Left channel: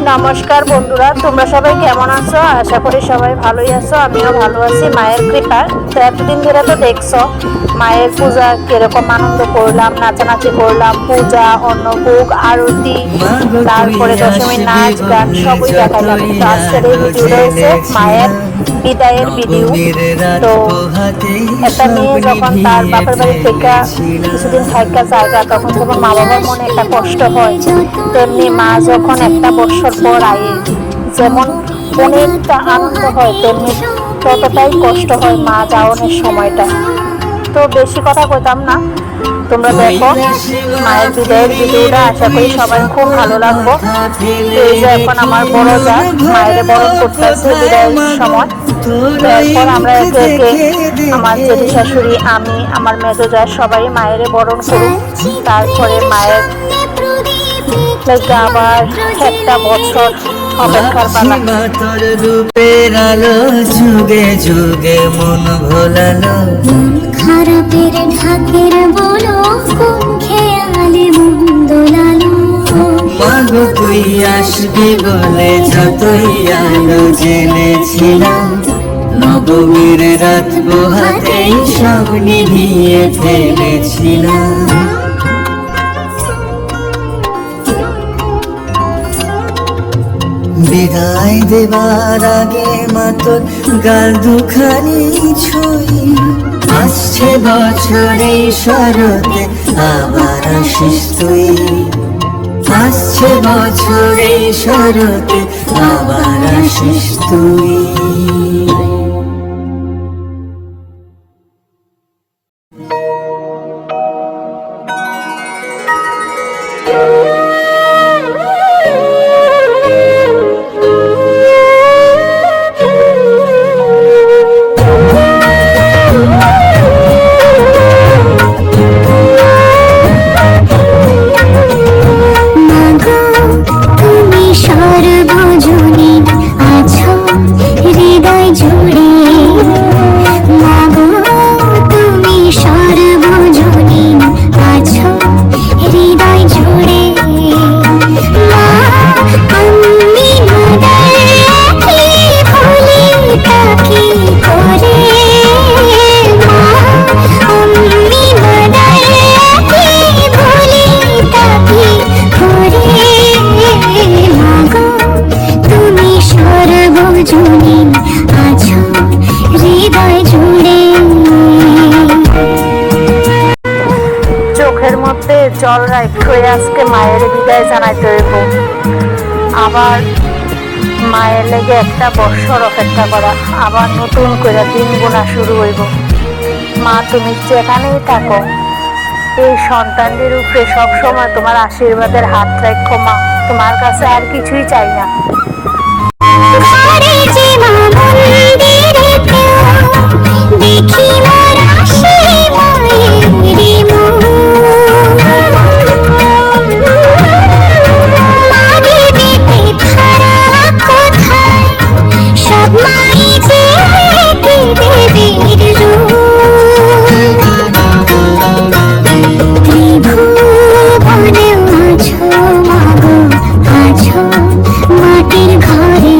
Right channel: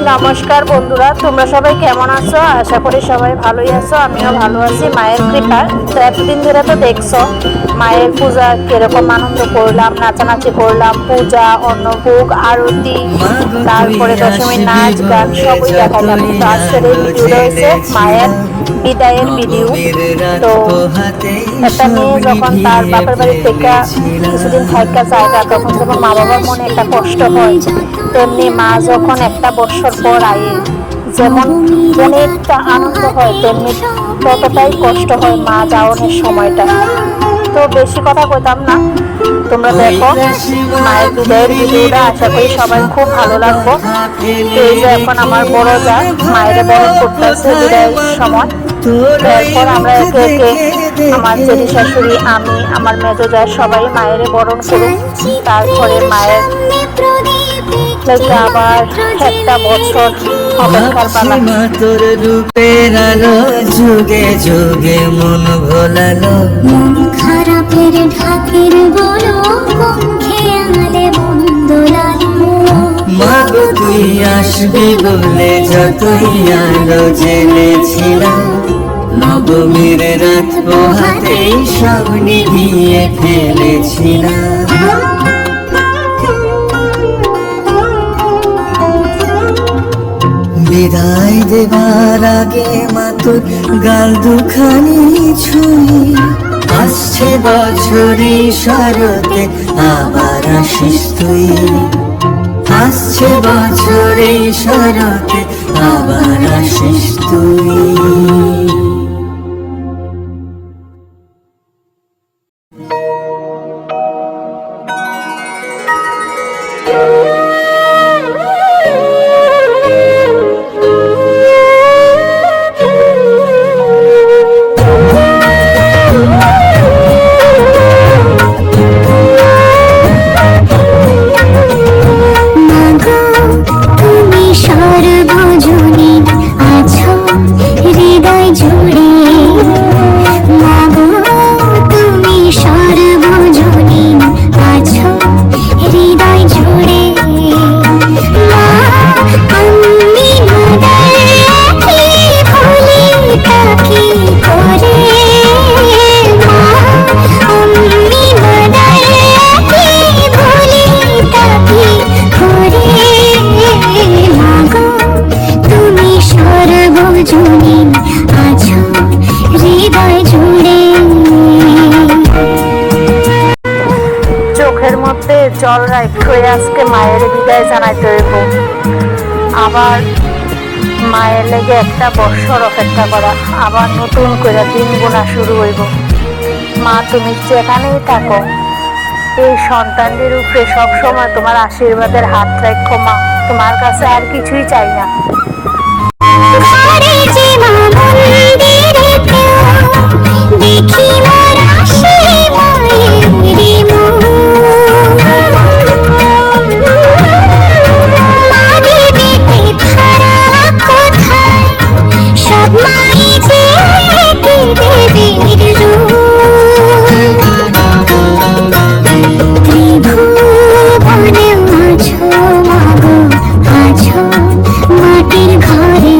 নমস্কার বন্ধুরা, তোমরা সবাই কেমন আছো? আশা করি সবাই ভালোই আছো। আমিও ভালো আছি মায়ের কৃপায়। তো এতদিন ধরে তো দেখছো মায়ের পূজা কিরকম আনন্দ করলাম, নাচানাচি করলাম, পূজা, অন্নভোগ, আরতি, তারপরে দশমীর নাচ গান সবই দেখাইলাম। তো আজকের এই ভিডিওটা হয়েছে মায়ের বিদায়ের ভিডিও। তো একটা মেয়ে যখন তার বাপের বাড়ি থেকে কিছুদিন থাকা জায়গা, তখন যখন মা বাবার মনে একটা কষ্ট হয়, তেমনি মা যখন একটা বৎসর পর আয়ে যেমন অনেকটা আনন্দ হয়, তেমনি ততটাই কষ্ট হয় মা যাওয়ানোর সময়টা। তো বেশি কথা কইতাম না, তোমরা দেখো মায়ের বিদায়ের ভিডিওটা। আশা করি সবাই খুব ভালো লাগবো। তো এই যে এখন আমার বড় যা মায়ের বরণ করতেছে বিদায়ের সময়। তো এরপর আমরা একে একে আমার জেঠি শাশুড়ি, আমি, আমার মেজো যা সবাই মায়ের বরণ করুন। তারপরে মায়ের লাগে আবার একটা বছর অপেক্ষার পালা। তোর রূপের আলো যুগে যুগে মন ভোলালো, খারাপের ঠাকের বলো খেয়ালে মন দোলালো। মাগো তুই আসবি বলে যতই আলো জেনেছিলাম, নবমীর রাত পোহাতেই সামনে গিয়ে ফেলেছিলাম। বিদায় দেবার আগে মা তোর গাল দুখানি ছুঁই, আসছে বছরে শরতে আবার আসিস তুই, আসছে বছরে শরতে আবার আসিস তুই। চোখের মধ্যে জল রাখতে আজকে মায়ের বিদায় জানাইতে হইব। আবার মায়ের লেগে একটা বৎসর অপেক্ষা করা, আবার নতুন করে দিন গোনা শুরু হইব। মা তুমি যেখানেই থাকো, এই সন্তানদের উপরে সবসময় তোমার আশীর্বাদের হাত রাখো মা। তোমার কাছে আর কিছুই চাই না। মাটির ঘরে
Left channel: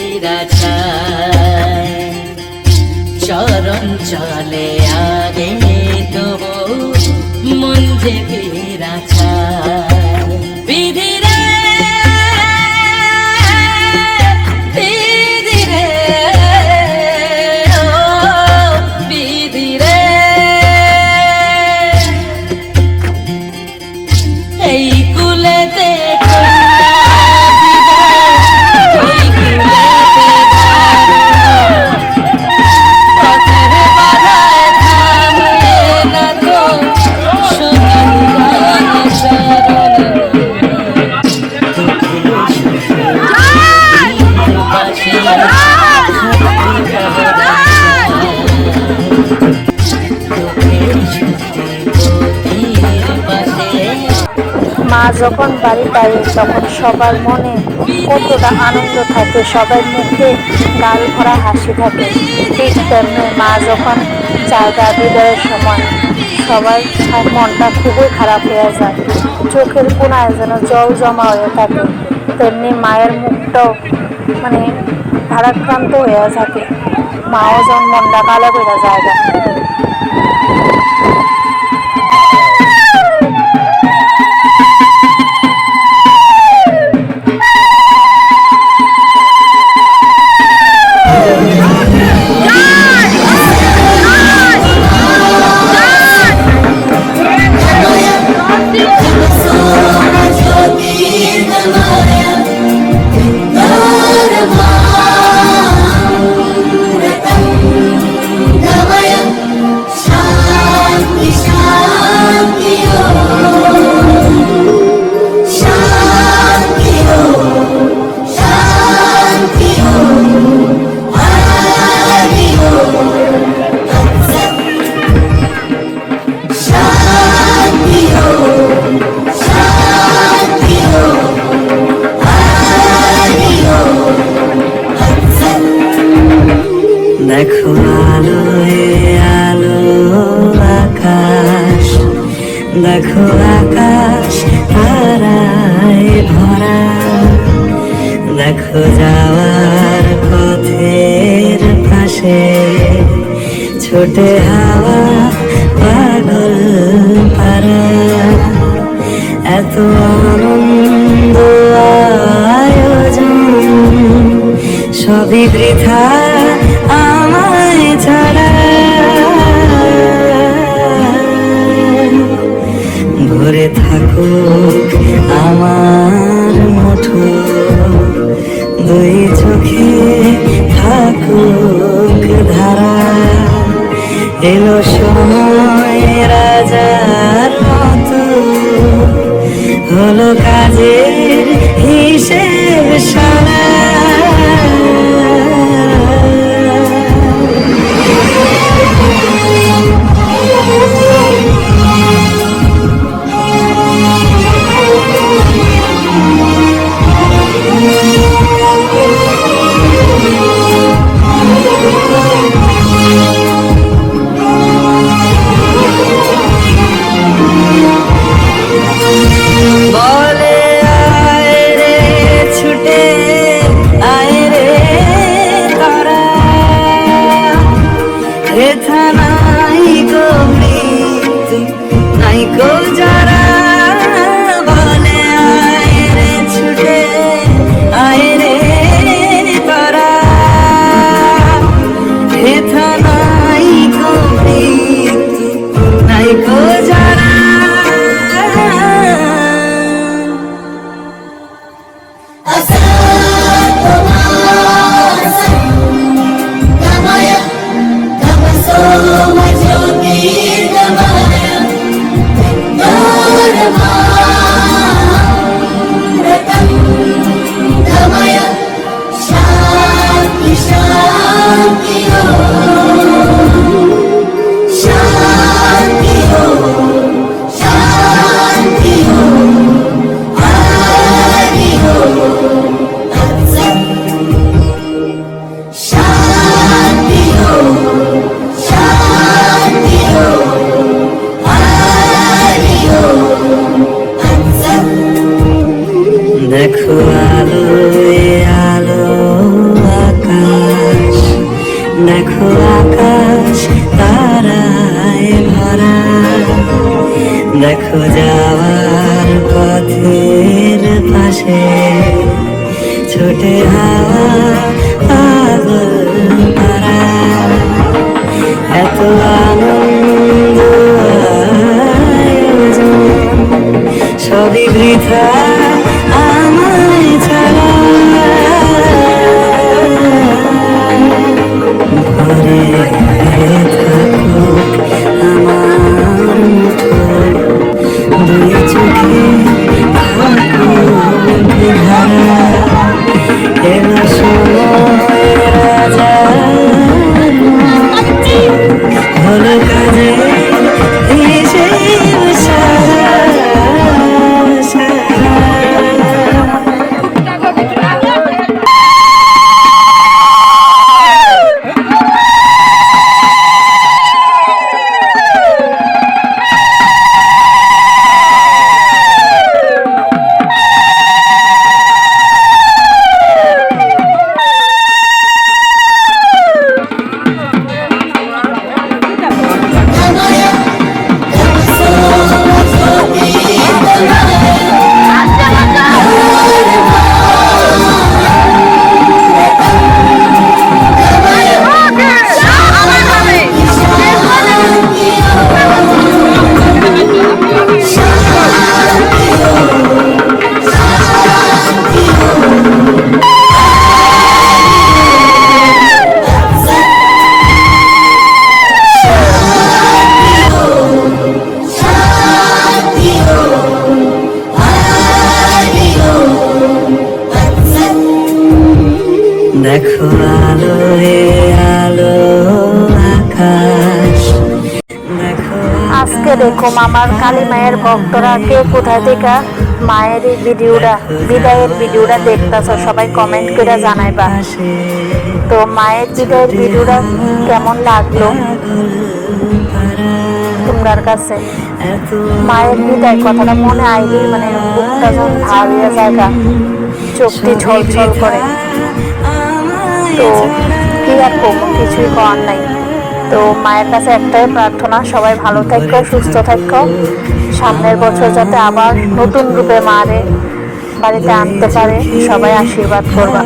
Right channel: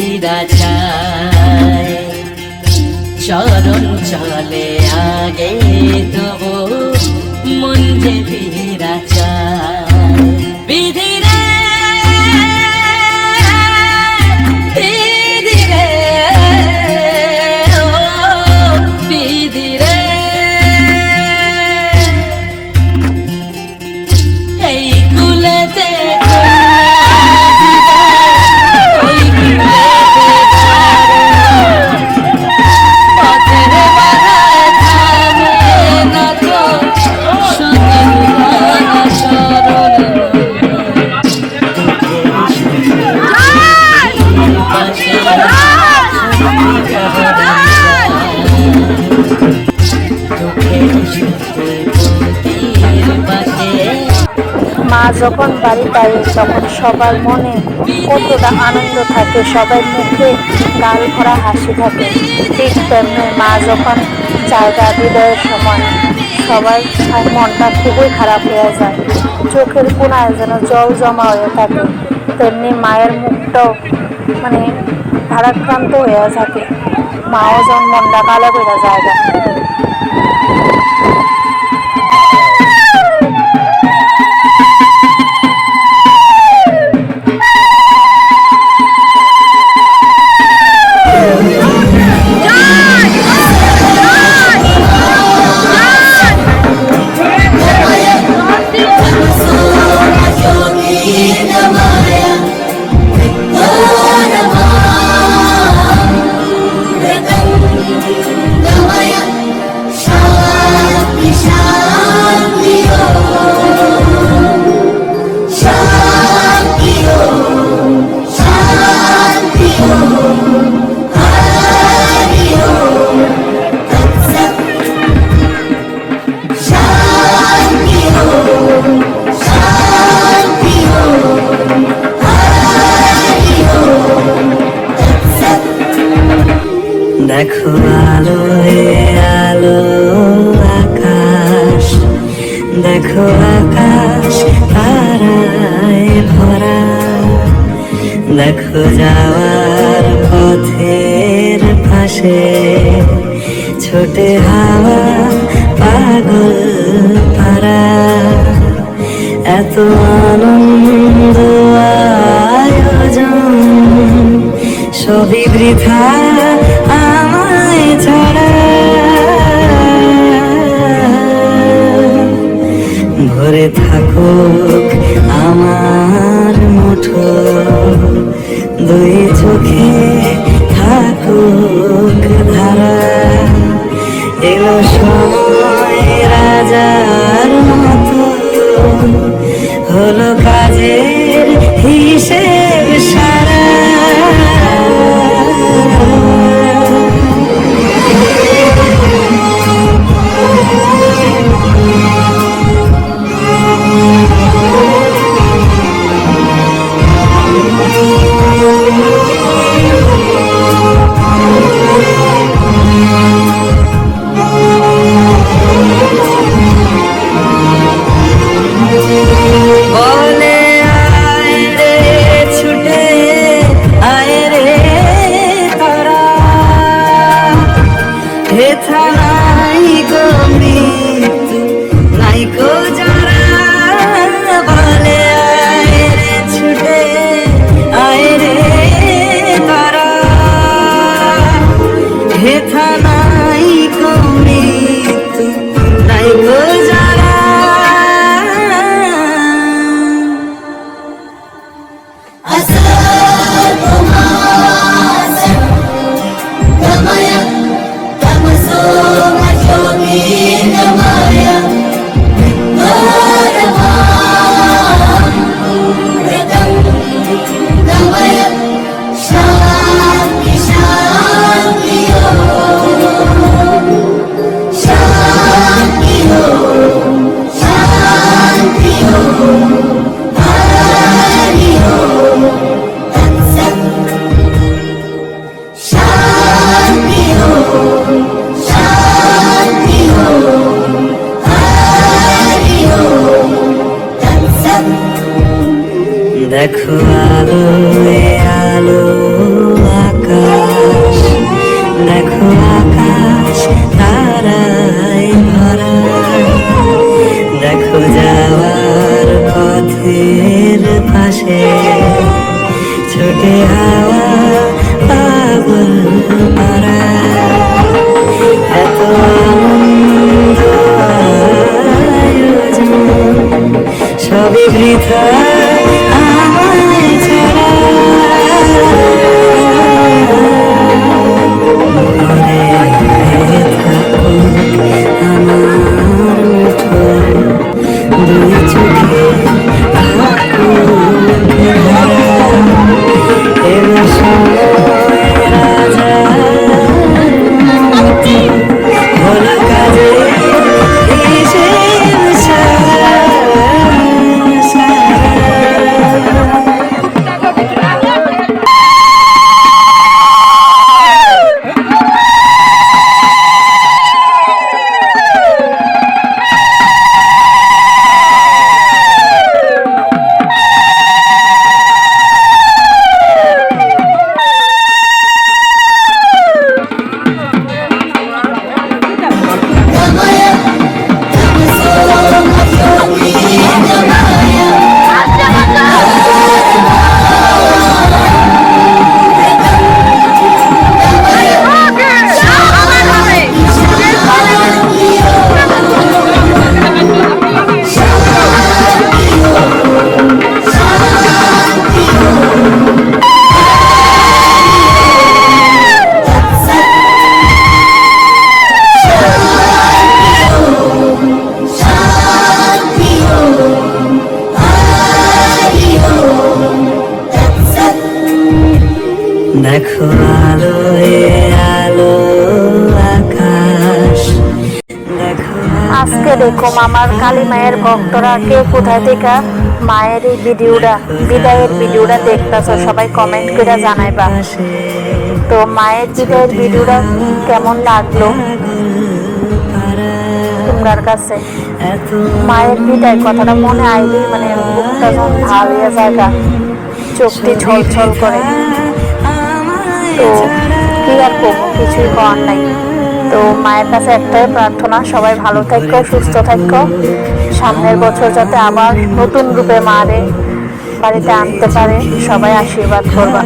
ফিরা চায় চরণ চলে আগে তো মন যে ফিরা চায় বিধি রে বিধি রে ও বিধি রে এই কুলেতে মা যখন বাড়িতে আসে তখন সবার মনে কতটা আনন্দ থাকে, সবার মুখে গাল ভরা হাসি থাকে। ঠিক তেমনি মা যখন জায়গা বিদায়ের সময় সবার মনটা খুবই খারাপ হয়ে যায়, চোখের কোণায় যেন জল জমা হয়ে থাকে। তেমনি মায়ের মুখটাও মানে ভারাক্রান্ত হয়ে থাকে, মাও যেন মনটা কালো করে জায়গা। দেখো আলো আলো আকাশ, দেখো আকাশ তারায় ভরা, দেখো যাওয়ার পথের পাশে ছোটে হাওয়া পাগল পারা। এত আনন্দ আয়োজন সবই বৃথা আমায় ছাড়া। ভরে থাকুক আমার মুঠো, দুই চোখে থাকুক ধারা। এলো সময় রাজার মতো, হলো কাজের হিসেব সারা। এত আনন্দ আয়োজন, সবই বৃথা আমায় ছাড়া। ঘরে ঘরে থাকুক আমার উঠোন, দুই চোখে থাকুক ভরা। এলো সময় রাজার হলো কাজে এসে সারা সারা। দেখো আলোয় আলো আকাশ, দেখো আজকে দেখো আমার কালী মায়ের ভক্তরা কে কোথায় থেকে মায়ের এই ভিডিওটা বিদায়ের ভিডিওটা দেখতেছো, সবাই কমেন্ট করে জানাইবা। আকাশে তো মায়ের বিদায়ের ভিডিওটা কেমন লাগলো তোমার কাছে? এত মায়ের বিদায় কথাটা মনে আইলেই মানে বুকটা যখন ভার হয়ে জায়গা, চোখটি ছলছল করে। তো কি আর করবো, কিছুই করার নাই। তো মায়ের কাছে একটাই প্রার্থনা, সবাই ভালো থাকো, সুস্থ থাকো। সামনের বছর যাতে আবার নতুন রূপে মারে বাড়িতে আনতে পারে, সবাই আশীর্বাদ করবা।